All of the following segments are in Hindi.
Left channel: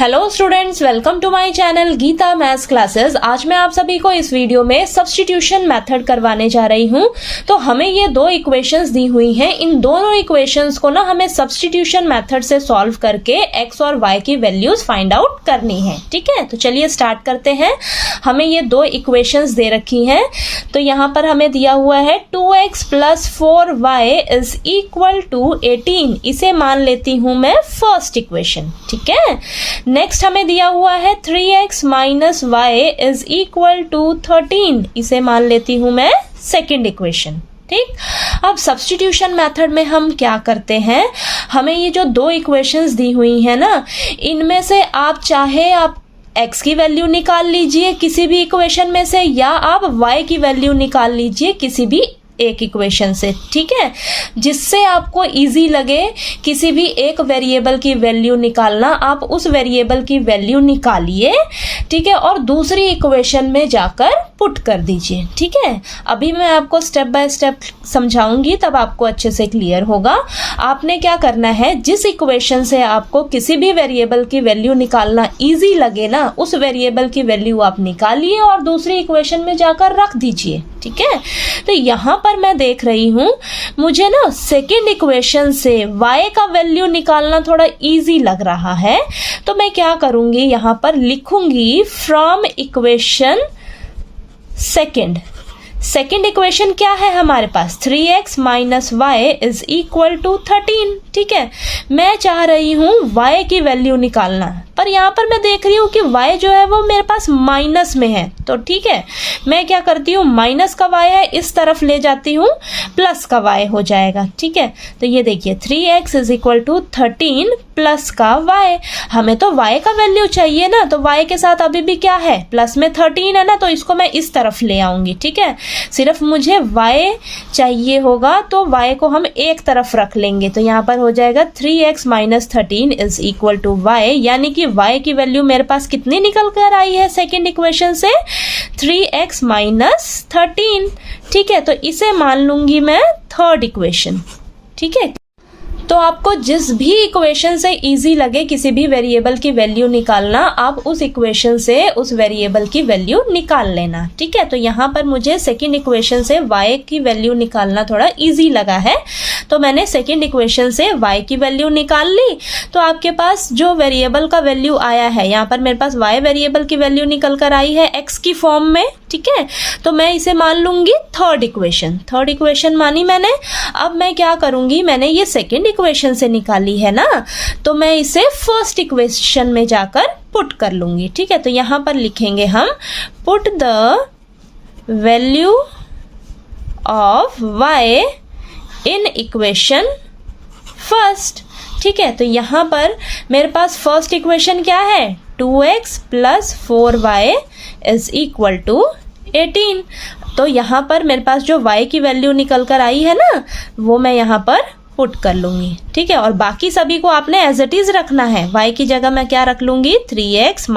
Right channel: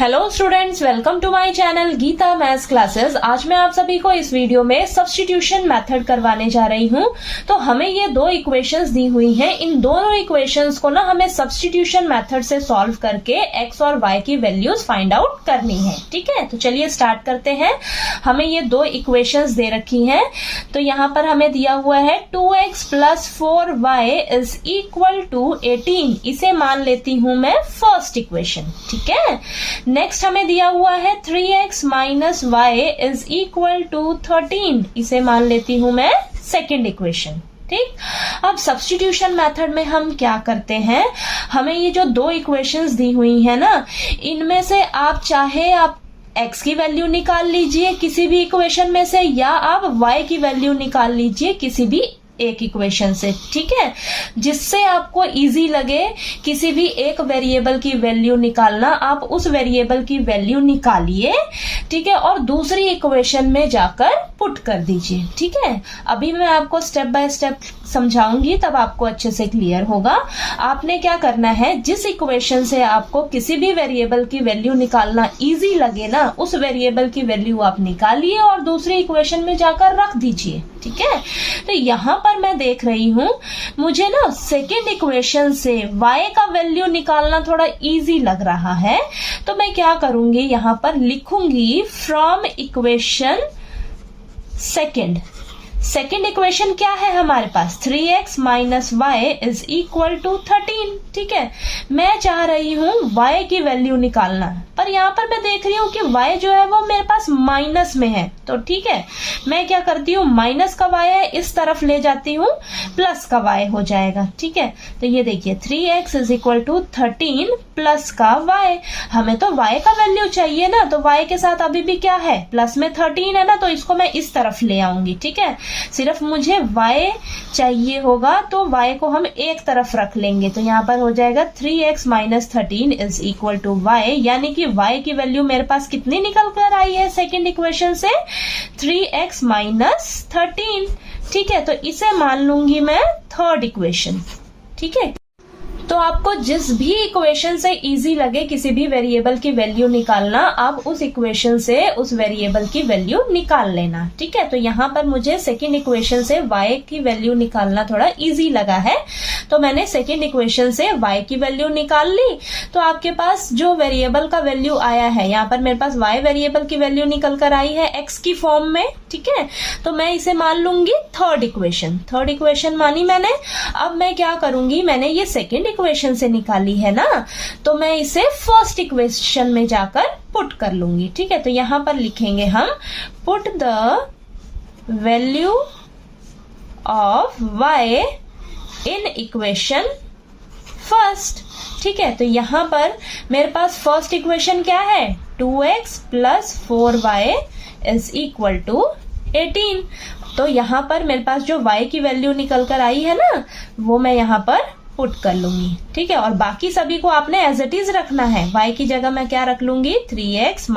Hello students, welcome to my channel Geeta maths classes. आज मैं आप सभी को इस वीडियो में सब्स्टिट्यूशन मेथड करवाने जा रही हूं। तो हमें ये दो इक्वेशंस दी हुई हैं, इन दोनों इक्वेशंस को ना हमें सब्स्टिट्यूशन मेथड से सॉल्व करके x और y की वैल्यूज फाइंड आउट करनी है। ठीक है, तो चलिए स्टार्ट करते हैं। हमें ये दो इक्वेशंस दे रखी हैं। तो यहाँ पर हमें दिया हुआ है 2x + 4y is equal to 18। इसे मान लेती हूं मैं फर्स्ट इक्वेशन। ठीक है, नेक्स्ट हमें दिया हुआ है 3x - y is equal to 13। इसे मान लेती हूं मैं सेकेंड इक्वेशन। ठीक, अब सब्स्टिट्यूशन मेथड में हम क्या करते हैं, हमें ये जो दो इक्वेशंस दी हुई है ना, इनमें से आप चाहे आप x की वैल्यू निकाल लीजिए किसी भी इक्वेशन में से, या आप y की वैल्यू निकाल लीजिए किसी भी एक इक्वेशन से। ठीक है, जिससे आपको इजी लगे किसी भी एक वेरिएबल की वैल्यू निकालना, आप उस वेरिएबल की वैल्यू निकालिए। ठीक है, और दूसरी इक्वेशन में जाकर पुट कर दीजिए। ठीक है, अभी मैं आपको स्टेप बाय स्टेप समझाऊंगी, तब आपको अच्छे से क्लियर होगा। आपने क्या करना है, जिस इक्वेशन से आपको किसी भी वेरिएबल की वैल्यू निकालना इजी लगे ना, उस वेरिएबल की वैल्यू आप निकालिए और दूसरी इक्वेशन में जाकर रख दीजिए। ठीक है, तो यहां पर मैं देख रही हूं, मुझे ना सेकेंड इक्वेशन से y का वैल्यू निकालना थोड़ा इजी लग रहा है। तो मैं क्या करूंगी, यहां पर लिखूंगी फ्रॉम इक्वेशन सेकेंड इक्वेशन क्या है हमारे पास, 3x - y is equal to 13। ठीक है, मैं चाह रही हूं y की वैल्यू निकालना, पर यहां पर मैं देख रही हूं कि y जो है वो मेरे पास माइनस में है। तो ठीक है, मैं क्या करती हूँ, माइनस का y है इस तरफ ले जाती हूँ, प्लस का y हो जाएगा। ठीक है, तो ये देखिए 3x is equal to 13 plus का y। हमें तो y का वैल्यू चाहिए ना, तो y के साथ अभी भी क्या है, प्लस में 13 है ना, तो इसको मैं इस तरफ ले आऊंगी। ठीक है, सिर्फ मुझे y चाहिए होगा, तो y को हम एक तरफ रख लेंगे। तो यहाँ पर हो जाएगा 3x - 13 is equal to y, यानी कि y की वैल्यू मेरे पास कितनी निकल कर आई है सेकेंड इक्वेशन से, 3x - 13। ठीक है, तो इसे मान लूंगी मैं थर्ड इक्वेशन। ठीक है, तो आपको जिस भी इक्वेशन से इजी लगे किसी भी वेरिएबल की वैल्यू निकालना, आप उस इक्वेशन से उस वेरिएबल की वैल्यू निकाल लेना। ठीक है, तो यहाँ पर मुझे सेकंड इक्वेशन से y की वैल्यू निकालना थोड़ा इजी लगा है, तो मैंने सेकंड इक्वेशन से y की वैल्यू निकाल ली। तो आपके पास जो वेरिएबल का वैल्यू आया है, यहाँ पर मेरे पास y वेरिएबल की वैल्यू निकल कर आई है x की फॉर्म में। ठीक है, तो मैं इसे मान लूंगी थर्ड इक्वेशन मानी मैंने। अब मैं क्या करूंगी, मैंने ये सेकेंड इक्वेशन से निकाली है ना, तो मैं इसे फर्स्ट इक्वेशन में जाकर पुट कर लूंगी। ठीक है, तो यहां पर लिखेंगे हम put the value of y in equation first. ठीक है, तो यहां पर मेरे पास फर्स्ट इक्वेशन क्या है, 2x + 4y is equal to 18। तो यहां पर मेरे पास जो y की वैल्यू निकल कर आई है ना, वो मैं यहां पर पुट कर लूंगी। ठीक है, और बाकी सभी को आपने एज इट इज रखना है। y की जगह मैं क्या रख लूंगी, 3x -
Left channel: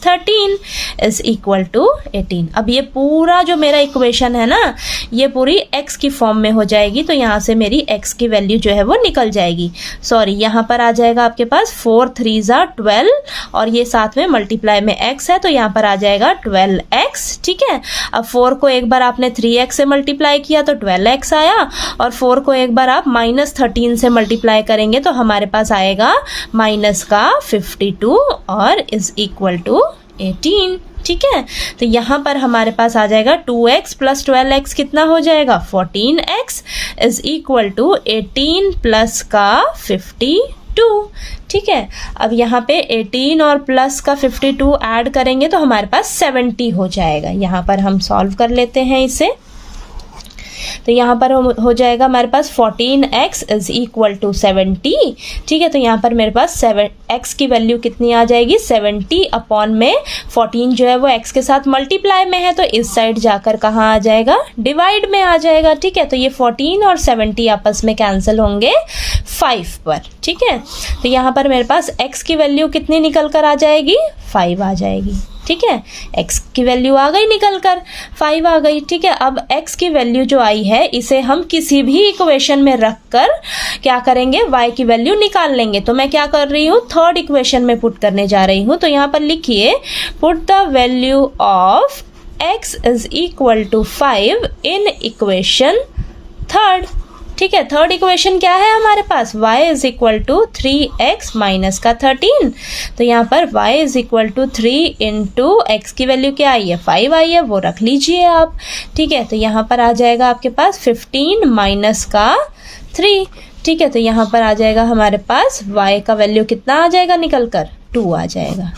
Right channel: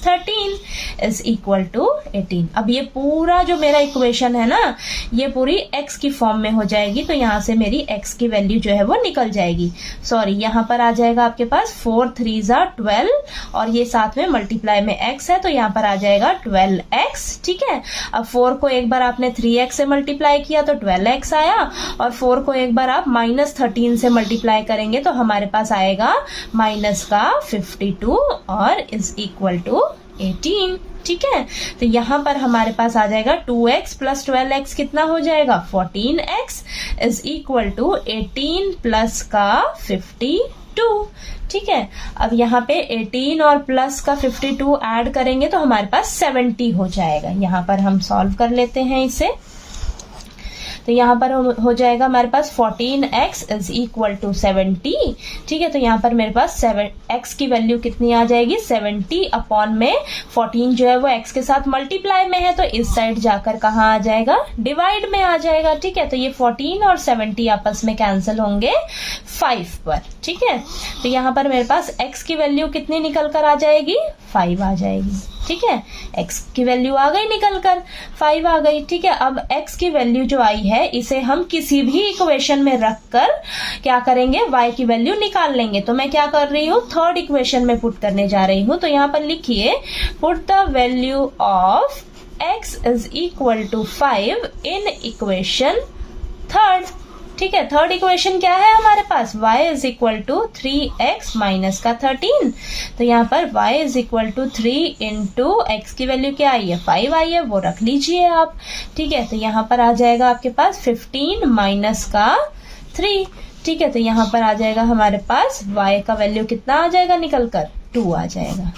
13 इज इक्वल टू 18। अब ये पूरा जो मेरा इक्वेशन है ना, ये पूरी x की फॉर्म में हो जाएगी। तो यहाँ से मेरी x की वैल्यू जो है वो निकल जाएगी। सॉरी, यहाँ पर आ जाएगा आपके पास 4 3 = 12, और ये साथ में मल्टीप्लाई में x है, तो यहाँ पर आ जाएगा 12x। ठीक है, अब 4 को एक बार आपने 3x से मल्टीप्लाई किया तो 12x आया, और 4 को एक बार आप -13 से मल्टीप्लाई करेंगे तो हमारे पास आएगा -52 और इज इक्वल टू 18। ठीक है, तो यहां पर हमारे पास आ जाएगा 2x + 12x कितना हो जाएगा, 14x is equal to 18 plus का 52। ठीक है, अब यहाँ पे 18 और प्लस का 52 ऐड करेंगे तो हमारे पास 70 हो जाएगा। यहाँ पर हम सॉल्व कर लेते हैं इसे। तो यहाँ पर हो जाएगा हमारे पास 14x इज इक्वल टू 70। ठीक है, तो यहाँ पर मेरे पास x की वैल्यू कितनी आ जाएगी, 70 अपॉन में 14 जो है वो x के साथ मल्टीप्लाई में है, तो इस साइड जाकर कहाँ आ जाएगा, डिवाइड में आ जाएगा। ठीक है, तो ये 14 और 70 आपस में कैंसिल होंगे 5 पर। ठीक है, तो यहाँ पर मेरे पास x की वैल्यू कितनी निकल कर आ जाएगी, 5 आ जाएगी। ठीक है, x की वैल्यू आ गई निकल कर 5 आ गई। ठीक है, अब x की वैल्यू जो आई है इसे हम किसी भी इक्वेशन में रख कर क्या करेंगे, y की वैल्यू निकाल लेंगे। तो मैं क्या कर रही हूँ, थर्ड इक्वेशन में पुट करने जा रही हूँ। तो यहाँ पर लिखिए put the value of x is equal to 5 in equation third. ठीक है, थर्ड इक्वेशन क्या है हमारे पास, y is equal to 3x minus का 13। तो यहाँ पर y is equal to 3 into x की वैल्यू क्या आई है, 5 आई है, वो रख लीजिए आप। ठीक है, तो यहाँ पर आ जाएगा आपके पास 15 माइनस का 3। ठीक है, तो यहाँ पर आ जाएगा हमारे पास y का वैल्यू कितना आ जाएगा निकल कर, 2 आ जाएगा।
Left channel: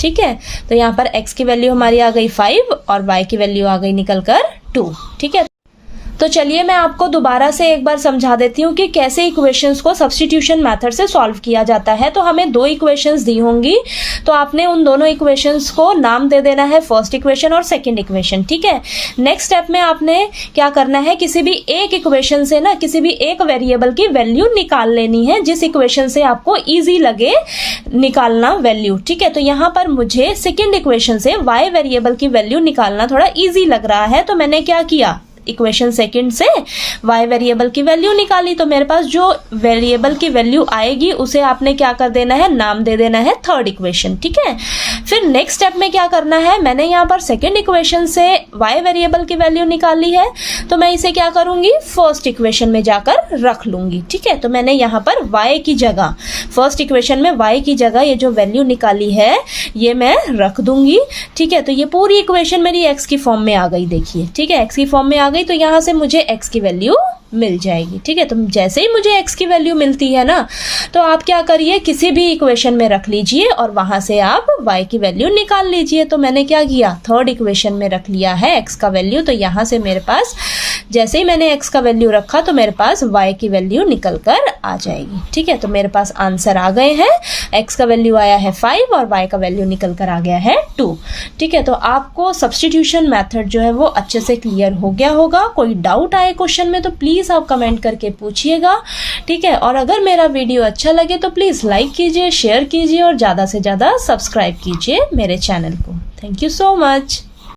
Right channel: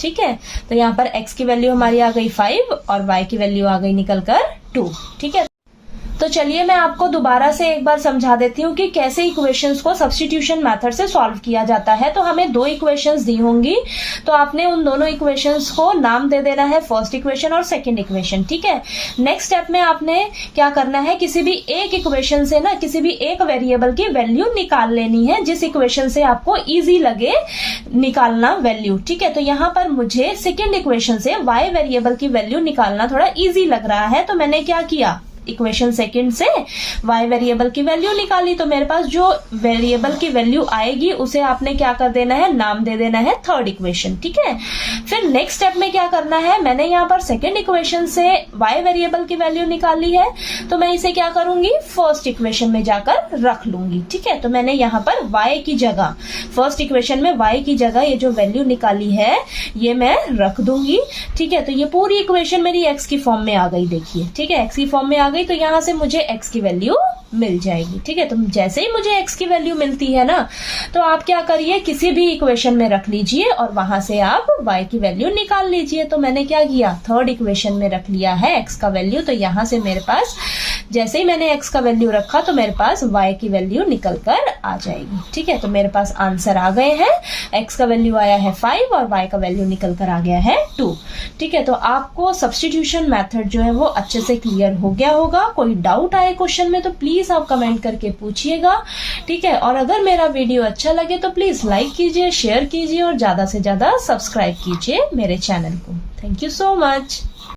ठीक है, तो यहाँ पर x की वैल्यू हमारी आ गई 5 और y की वैल्यू आ गई निकल कर 2। ठीक है, तो चलिए मैं आपको दोबारा से एक बार समझा देती हूँ कि कैसे इक्वेशंस को सब्स्टिट्यूशन मेथड से सॉल्व किया जाता है। तो हमें 2 इक्वेशंस दी होंगी, तो आपने उन दोनों इक्वेशंस को नाम दे देना है, फर्स्ट इक्वेशन और सेकंड इक्वेशन। ठीक है, नेक्स्ट स्टेप में आपने क्या करना है, किसी भी एक इक्वेशन से ना किसी भी एक वेरिएबल की वैल्यू निकाल लेनी है, जिस इक्वेशन से आपको ईजी लगे निकालना वैल्यू। ठीक है, तो यहाँ पर मुझे सेकेंड इक्वेशन से y वेरिएबल की वैल्यू निकालना थोड़ा ईजी लग रहा है, तो मैंने क्या किया, इक्वेशन सेकंड से y वेरिएबल की वैल्यू निकाली। तो मेरे पास जो वेरिएबल की वैल्यू आएगी उसे आपने क्या कर देना है, नाम दे देना है थर्ड इक्वेशन। ठीक है, फिर नेक्स्ट स्टेप में क्या करना है, मैंने यहाँ पर सेकंड इक्वेशन से y वेरिएबल की वैल्यू निकाली है, तो मैं इसे क्या करूंगी, फर्स्ट इक्वेशन में जाकर रख लूंगी। ठीक है, तो मैंने यहाँ पर y की जगह, फर्स्ट इक्वेशन में y की जगह ये जो वैल्यू निकाली है ये मैं रख दूंगी। ठीक है, तो ये पूरी इक्वेशन मेरी x की फॉर्म में आ गई, देखिए। ठीक है, x की फॉर्म में आ गई, तो यहां से मुझे x की वैल्यू मिल जाएगी। ठीक है, तो जैसे ही मुझे x की वैल्यू मिलती है ना, तो आप क्या करिए, किसी भी इक्वेशन में रख लीजिए और वहां से आप y की वैल्यू निकाल लीजिए। तो मैंने क्या किया, थर्ड इक्वेशन में रख लिया है x का वैल्यू, तो यहां से मेरे पास जैसे ही मैंने x का वैल्यू रखा तो मेरे पास y की वैल्यू निकल कर आ जाएगी। ठीक है, तो मेरे पास आंसर आ गए हैं, x का वैल्यू आया है 5 और y का वैल्यू निकल कर आ गया है 2। ठीक है, तो आपको सब्स्टिट्यूशन मेथड जो है वो अच्छे से क्लियर हो गया होगा। कोई डाउट आए क्वेश्चन में तो प्लीज आप कमेंट करके पूछिएगा। ठीक है, और अगर मेरा वीडियो अच्छा लगे तो प्लीज लाइक कीजिए, शेयर कीजिए और ज्यादा से ज्यादा सब्सक्राइब कीजिए मेरे चैनल को। Thank you so much.